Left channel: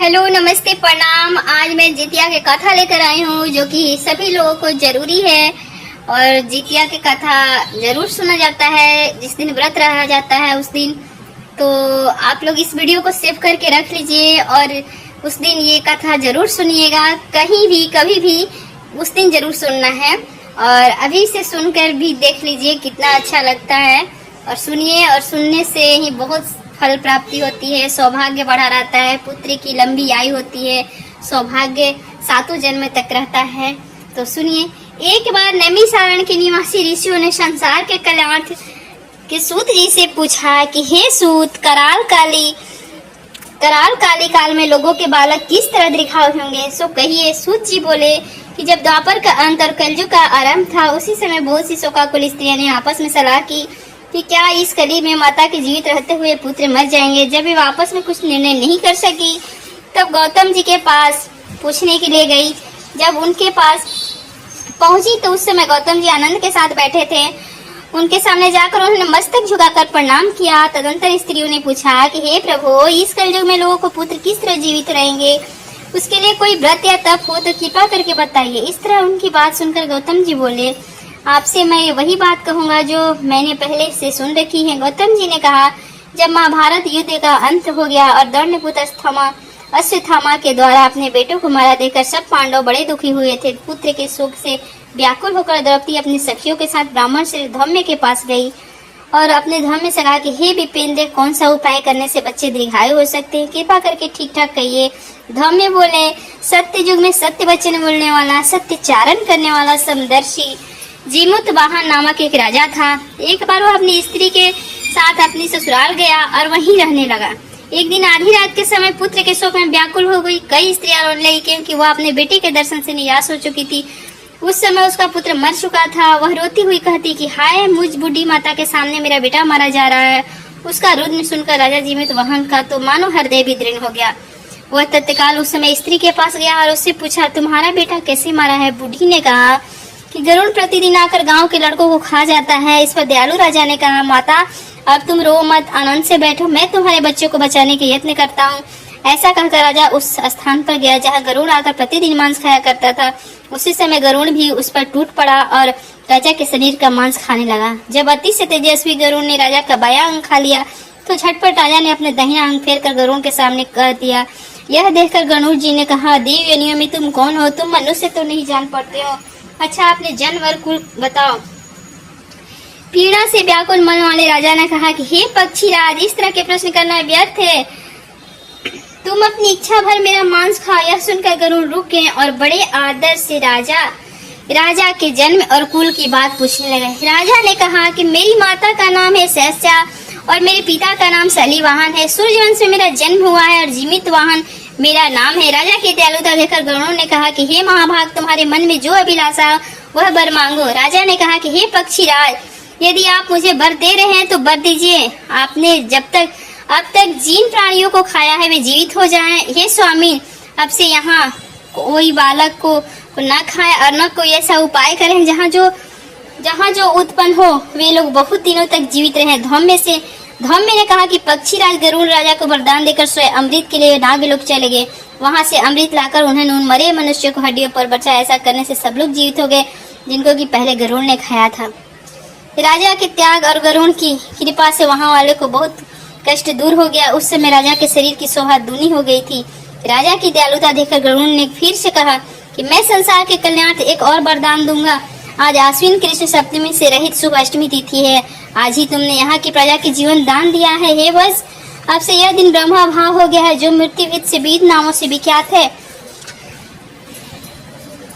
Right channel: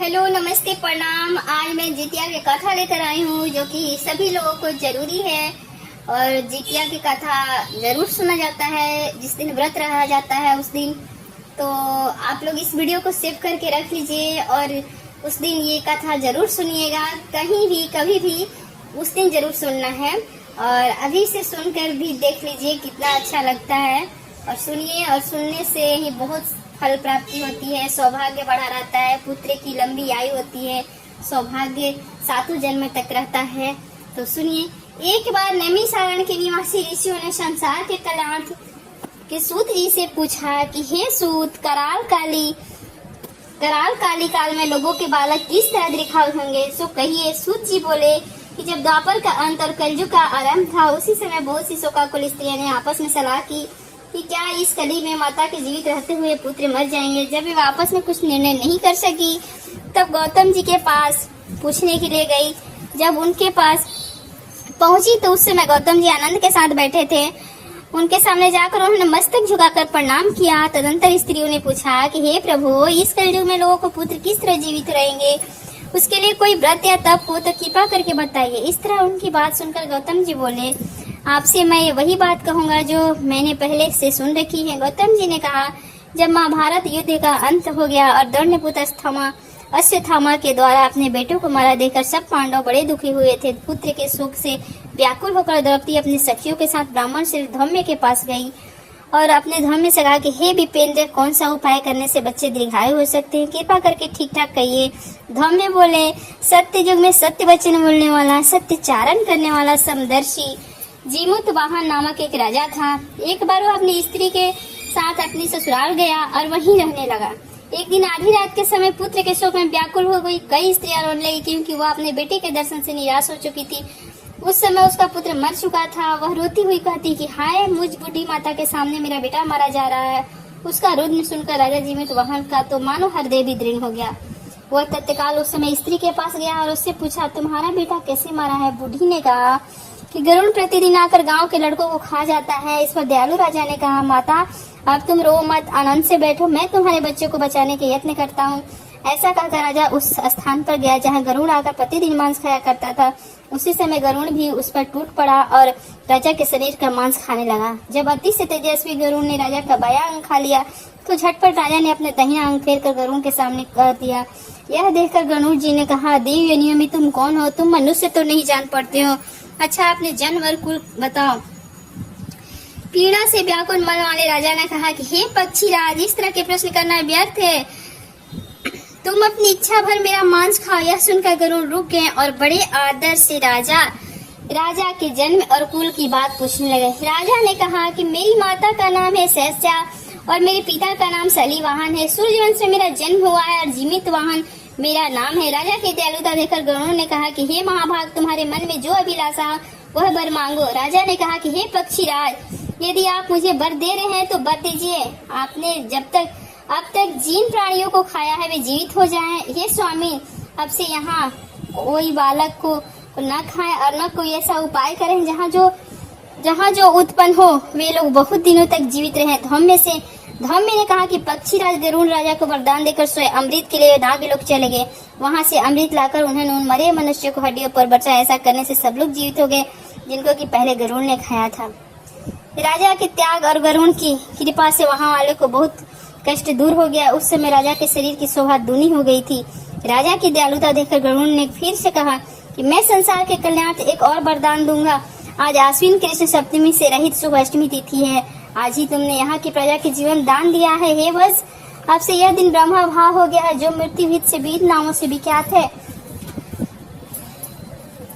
Hello, नमस्ते, प्रणाम। आज मैं जितिया के कथा लेकर आई हूँ जो कि सभी लोगों को जरूरी है। और जितिया की कथा जरूर सुना जाता है जिस दिन व्रत रहा जाता है उस दिन। तो आप लोग इस वीडियो को सेव करके रख लीजिए और उस दिन ये कथा जरूर सुनिएगा। कहीं भी कभी भी उस दिन जरूर सुनना है और अभी से सुनकर भी देख लीजिए कितना अच्छा लगता है। और सुनिए, और सुनने से ही बहुत फल प्राप्ति होती है, सौभाग्य बढ़ा रहता है, पुत्र की लंबी आयु होती है, सौभाग्य 7 जन्म तक रहता है। तो सुनिए। एक बार नैमिषारण्य के निवासी ऋषियों ने संसार के कल्याणार्थ के सूत जी से पूछा कि हे सूत, कराल काली काल में लोगों के बालक किस तरह दिखाए होंगे, सो कहिए। सूत जी बोले कि जब द्वापर का अंत और कलयुग का आरंभ था उसी समय बहुत सी शोकाकुल स्त्रियां ने आपस में सलाह की कि क्या इस कली में माता के जीवित रहते हुए पुत्र मर जाएंगे। जब वे आपस में कुछ निर्णय नहीं कर सकी तब गौतम जी के पास पूछने के लिए गई। जब उनके पास पहुंची तो उस समय गौतम जी आनंद के साथ बैठे थे। उनके सामने जाकर उन्होंने मस्तक झुकाकर प्रणाम किया। तदंतर स्त्रियों ने पूछा कि हे प्रभु, इस कलयुग में लोगों को पुत्र किस तरह जीवित रहेंगे, उसके लिए कोई व्रत या तप हो तो कृपा करके बताइए। इस तरह उनकी बात सुनकर गौतम जी बोले, आपसे मैं वही बात कहूंगा जो मैंने पहले से सुन रखी है। गौतम जी ने कहा, जब महाभारत युद्ध का अंत हो गया और दंडपुत्र अश्वत्थामा के द्वारा अपने बेटों को मारा देकर सब पांडव बड़े दुखी हुए थे। पुत्र के शोक से व्याकुल होकर द्रौपदी अपनी सखियों के साथ ब्राह्मण श्री धौम्य के पास गई और अपने धौम्य से कहा कि हे विपेंद्र, कौन सा उपाय करने से बच्चे दीर्घायु हो सकते हैं, कृपा करके ठीक ठाक कहिए। धौम्य बोले, सत्य युग में सत्य वचन बोलने वाला, सत्यचारण करने वाला समदर्शी जीमूत वाहन नामक एक राजा था। एक बार वो अपनी स्त्री के साथ अपनी ससुराल गया और वहीं रहने लगा। एक दिन आधी रात के समय पुत्र के शोक में व्याकुल हो गई। कई स्त्रियां रोने लगी क्योंकि वह अपने बेटे के दर्शन से निराश हो चुकी थी। उस समय उसका पुत्र मर चुका था। वह रोती हुई कहती कि हाय, मुझ बूढ़ी माता के सामने मेरा बेटा मारा जा रहा है। उसका रुदन सुनकर राजा जीवित वाहन का तो मानो हृदय भी दृढ़ हो गया। वह तत्काल उस समय स्त्री के पास गया और उससे पूछा, तुम्हारा बेटा कैसे मारा है। बूढ़ी ने कहा कि गरुड़ प्रतिदिन आकर गांव के लड़कों को खा जाता है। इस पर दयालु राजा ने कहा, माता अब तुम रो मत, आनंद से बैठो, मैं तुम्हारे बच्चे को बचाने के यत्न करता हूँ। ऐसा कहकर राजा उस स्थान पर गया जहाँ गरुड़ आकर प्रतिदिन मांस खाया करता था। उसी समय गरुड़ भी उस पर टूट पड़ा और राजा के शरीर का मांस खाने लगा। जब अति से तेजस्वी गरुड़ ने राजा का बायां अंग खा लिया तो झटपट राजा ने अपने दाहिना अंग फेर कर गरुड़ के सामने कह दिया। यह देखकर गरुड़ जी ने कहा, देव योनियों में तुम कौन हो, तुम मनुष्य तो नहीं जान पड़ते हो। अच्छा, अपने जन्म और कुल बताओ। पीड़ा से व्याकुल मन वाले राजा ने कहा कि हे पक्षीराज, इस तरह के प्रश्न करना व्यर्थ है, तुम अपनी इच्छा भर मेरा मांस खाओ। यह सुनकर गरुड़ रुक गए और बड़े आदर से राजा के जन्म और कुल की बात पूछने लगे। राजा ने कहा कि मेरी माता का नाम है सहस्या और मेरे पिता का नाम सलीवाहन है। सूर्यवंश में मेरा जन्म हुआ है और जीवित वाहन मेरा नाम है। राजा की दयालुता देखकर गरुड़ ने कहा कि हे महाभाग, तुम्हारे मन में जो अभिलाषा वह वर मांगो। राजा ने कहा कि हे पक्षीराज, यदि आप मुझे वर दे रहे हैं तो वर दीजिए। आपने अब तक जिन प्राणियों को खाया है वे जीवित हो जाएं। हे स्वामी, अब से यहाँ कोई बालक को न खाए और न कोई ऐसा उपाय करें जहाँ जो उत्पन्न हो वे लोग बहुत दिनों तक जीवित रहे। धौम्य ने कहा कि पक्षीराज गरुड़ राजा को वरदान देकर स्वयं अमृत के लिए नागलोक चले गए। वहां से अमृत लाकर उन्होंने उन मरे मनुष्य को हड्डियों पर बचा। ऐसा करने से सब लोग जीवित हो गए जिनको कि पहले गरुड़ ने खाया था। राजा के त्याग और गरुड़ की कृपा से वहां वाले को बहुत कष्ट दूर हो गया। उस समय राजा के शरीर की शोभा दूनी हो गई थी। राजा की दयालुता देखकर गरुड़ ने फिर से कहा कि मैं संसार के कल्याणार्थ एक और वरदान दूंगा। आज आश्विन कृष्ण सप्तमी से रहित शुभ अष्टमी तिथि है। आज ही तुमने यहाँ की प्रजा के जीवन दान दिया है। हे वत्स, अब से यह दिन ब्रह्मा भाव हो गया है जो मृत्युविद से 20 नामों से विख्यात है।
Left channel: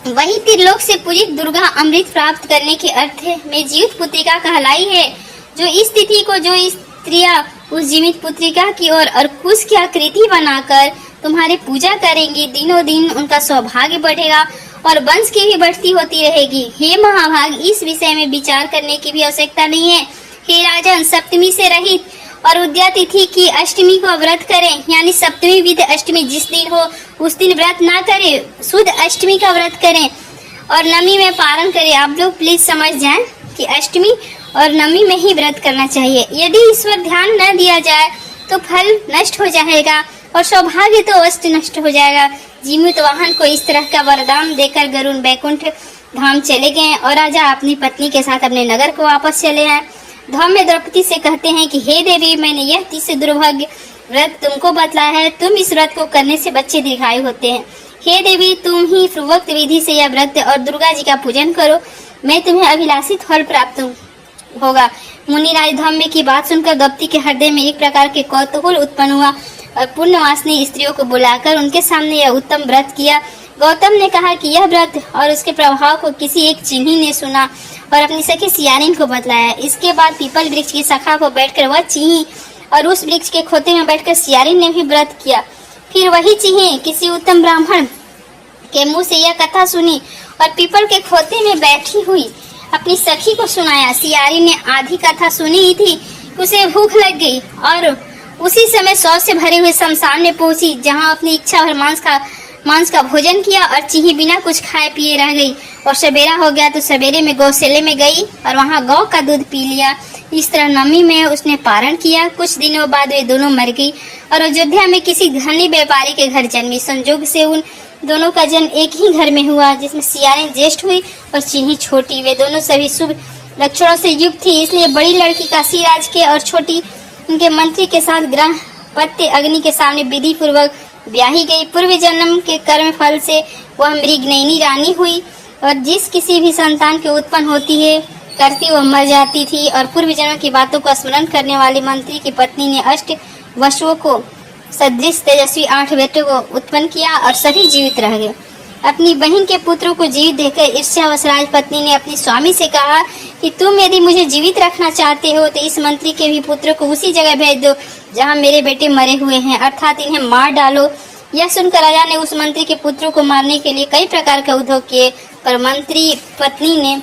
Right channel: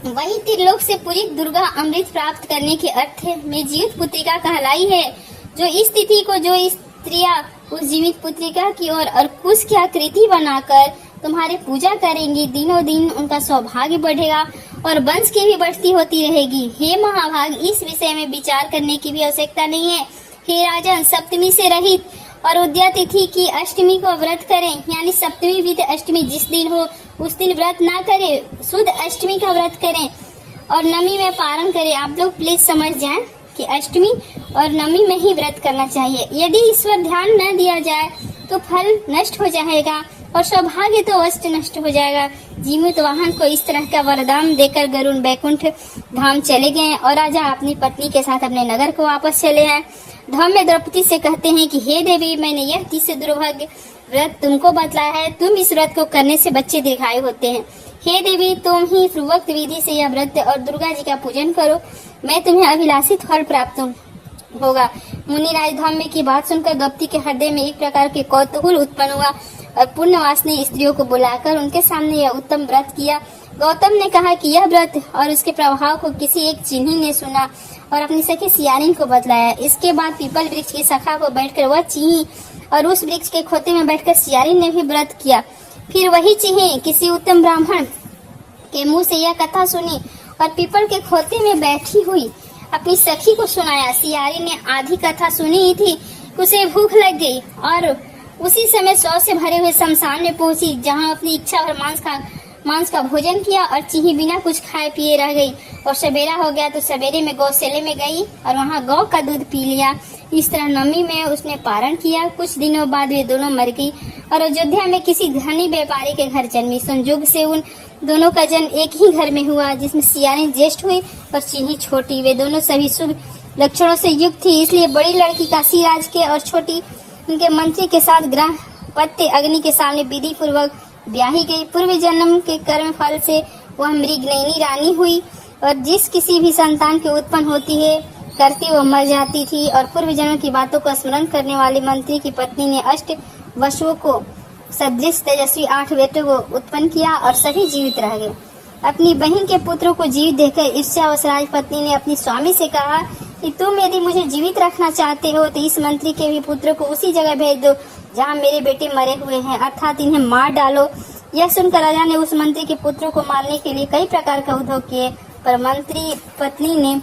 वही त्रिलोक से पूजित दुर्गा अमृत प्राप्त करने के अर्थ है मैं जीवित पुत्रिका कहलाई है। जो इस तिथि को जो स्त्रियां उस जीवित पुत्रिका की ओर और कुश की आकृति बनाकर तुम्हारी पूजा करेंगी, दिनों दिन उनका सौभाग्य बढ़ेगा और वंश की भी बढ़ती होती रहेगी। हे महाभाग, इस विषय में विचार करने की भी आवश्यकता नहीं है। हे राजन, सप्तमी से रहित और उद्या तिथि की अष्टमी को व्रत करें, यानी सप्तमी विद अष्टमी जिस दिन हो उस दिन व्रत ना करें, शुद्ध अष्टमी का व्रत करें और नवमी में पारण करें। आप लोग प्लीज समझ जाएं कि अष्टमी और नवमी में ही व्रत करना चाहिए। यदि ईश्वर ध्यान न दिया जाए तो फल नष्ट हो जाएगा और सौभाग्य तो अस्त नष्ट हो जाएगा। जीमूतवाहन को इस तरह का वरदान देकर गरुड़ बैकुंठ धाम चले गए और राजा अपनी पत्नी के साथ अपने नगर को वापस चले हैं। धाम में द्रौपदी से कहते हैं कि हे देवी, मैंने यह 30 दुर्भाग्य व्रत तुमको बतलाया है, तुम इस व्रत को करने से बच्चे दीर्घायु होते हैं। हे देवी, तुम ही पूर्वोक्त विधि से यह व्रत और दुर्गा जी का पूजन करो, मैं तुम्हें अभिलाषित फल प्राप्त होगा। मुनिराज धम्म की बात सुनकर द्रौपदी के हृदय में एक प्रकार के कौतूहल उत्पन्न हुआ और पुण्यवासिनी स्त्रियों को बुलाकर उनके सामने यह उत्तम व्रत किया। गौतम ने कहा कि यह व्रत और उसके प्रभाव को किसी एक चिन्ही ने सुना और अपनी सखी सियारिन को बतलाया। इसके बाद पीपल वृक्ष की शाखा पर बैठकर वह चिन्ही और उस वृक्ष के खोते में बैठकर सियारिन ने भी व्रत किया। फिर वही चिन्ही किसी उत्तम ब्राह्मण के मुंह से यह कथा सुनी और पीपल के खोते में बैठी हुई अपनी सखी को सुनाया। सियारिन ने आधी कथा सुनी ही थी, उसे भूख लग गई और उसी समय शौच से भरे हुए शमशान में पहुंची, जहां अपनी इच्छा भर मांस का भोजन किया और चिन्ही बिना कुछ खाए पिए रह गई। और सवेरा हो गया तो सवेरे में गौशाले में गई और वहां गौ का दूध पी लिया। इस तरह नवमी में उसने पारण किया। कुछ दिनों बाद वे दोनों मर गई और अयोध्या में किसी धनी व्यापारी के घर जन्मी। संजोग से उन दोनों का जन्म एक ही घर में हुआ, जिसमें सियारिन ज्येष्ठ हुई और चिन्ही छोटी। वे दोनों सभी शुभ लक्षणों से युक्त थी, इसलिए बड़ी लड़की काशी राज के और छोटी उनके मंत्री के साथ ग्रह पत्य अग्नि के सामने विधि पूर्वक ब्याही गई। पूर्व जन्म के कर्म फल से वह मृगनयनी रानी हुई और जिस किसी भी संतान के उत्पन्न होती है करती वो मर जाती थी। और पूर्व जन्म की बातों को स्मरण करने वाली मंत्री की पत्नी ने 8 वसुओं को सदृश तेजस्वी 8 बेटों को उत्पन्न किया और सभी जीवित रह गए। अपनी बहन के पुत्रों को जीवित देखकर ईर्ष्यावश राजपत्नी ने अपनी स्वामी से कहा कि तुम यदि मुझे जीवित रखना चाहते हो तो इस मंत्री के भी पुत्रों को उसी जगह भेज दो जहाँ मेरे बेटे मरे हुए हैं, अर्थात इन्हें मार डालो। यह सुनकर राजा ने उस मंत्री के पुत्रों को मारने के लिए कई प्रकार का उद्योग किए, पर मंत्री पत्नी ने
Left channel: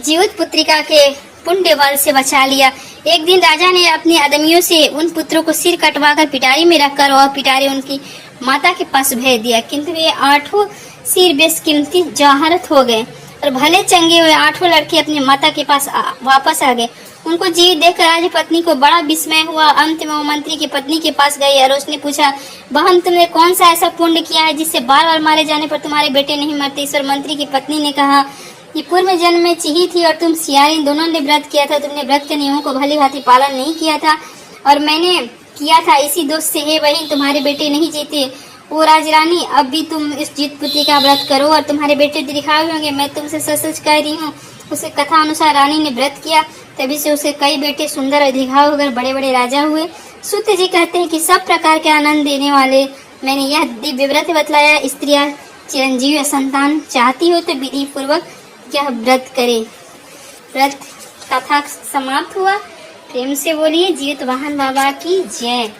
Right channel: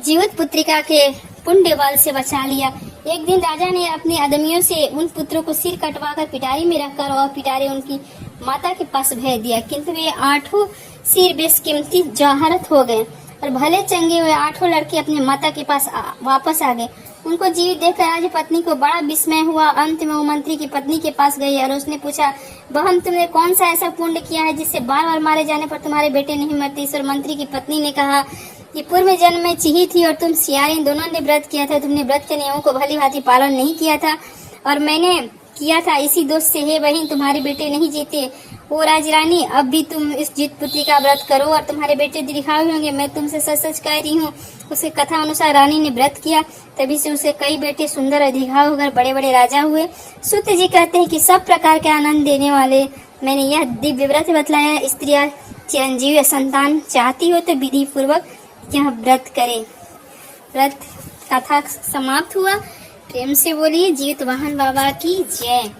जीवित पुत्रिका के पुण्य बल से बचा लिया। एक दिन राजा ने अपने आदमियों से उन पुत्रों को सिर कटवाकर पिटारी में रखकर और पिटारी उनकी माता के पास भेज दिया, किंतु वे 8 सिर बेशकीमती जवाहरत हो गए और भले चंगे हुए 8 लड़के अपनी माता के पास वापस आ गए। उनको जीवित देखकर राजपत्नी को बड़ा विस्मय हुआ। अंत में वो मंत्री की पत्नी के पास गई और उसने पूछा, बहन तुमने कौन सा ऐसा पुण्य किया है जिससे बार बार मारे जाने पर तुम्हारे बेटे नहीं मरते? इस मंत्री की पत्नी ने कहा कि पूर्व जन्म में चिन्ही थी और तुम सियारिन दोनों ने व्रत किया था। तुमने व्रत के नियमों को भली भांति पालन नहीं किया था और मैंने किया था, इसी दोष से हे बहन तुम्हारे बेटे नहीं जीते। ओ राजरानी, अब भी तुम इस जीत पुत्री का व्रत करो और तुम्हारे बेटे दीर्घायु होंगे, मैं तुमसे सच सच कह रही हूँ। उसे कथा अनुसार रानी ने व्रत किया, तभी से उसे कई बेटे सुंदर और दीर्घायु होकर बड़े बड़े राजा हुए। सूत जी कहते हैं कि सब प्रकार के आनंद देने वाले मैंने यह दिव्य व्रत बतलाया। स्त्रियां चिरंजीव संतान चाहती हो तो विधि पूर्वक यह व्रत करे। व्रत कथा समाप्त हुआ। प्रेम से बोलिए जीतवाहन बाबा की जय।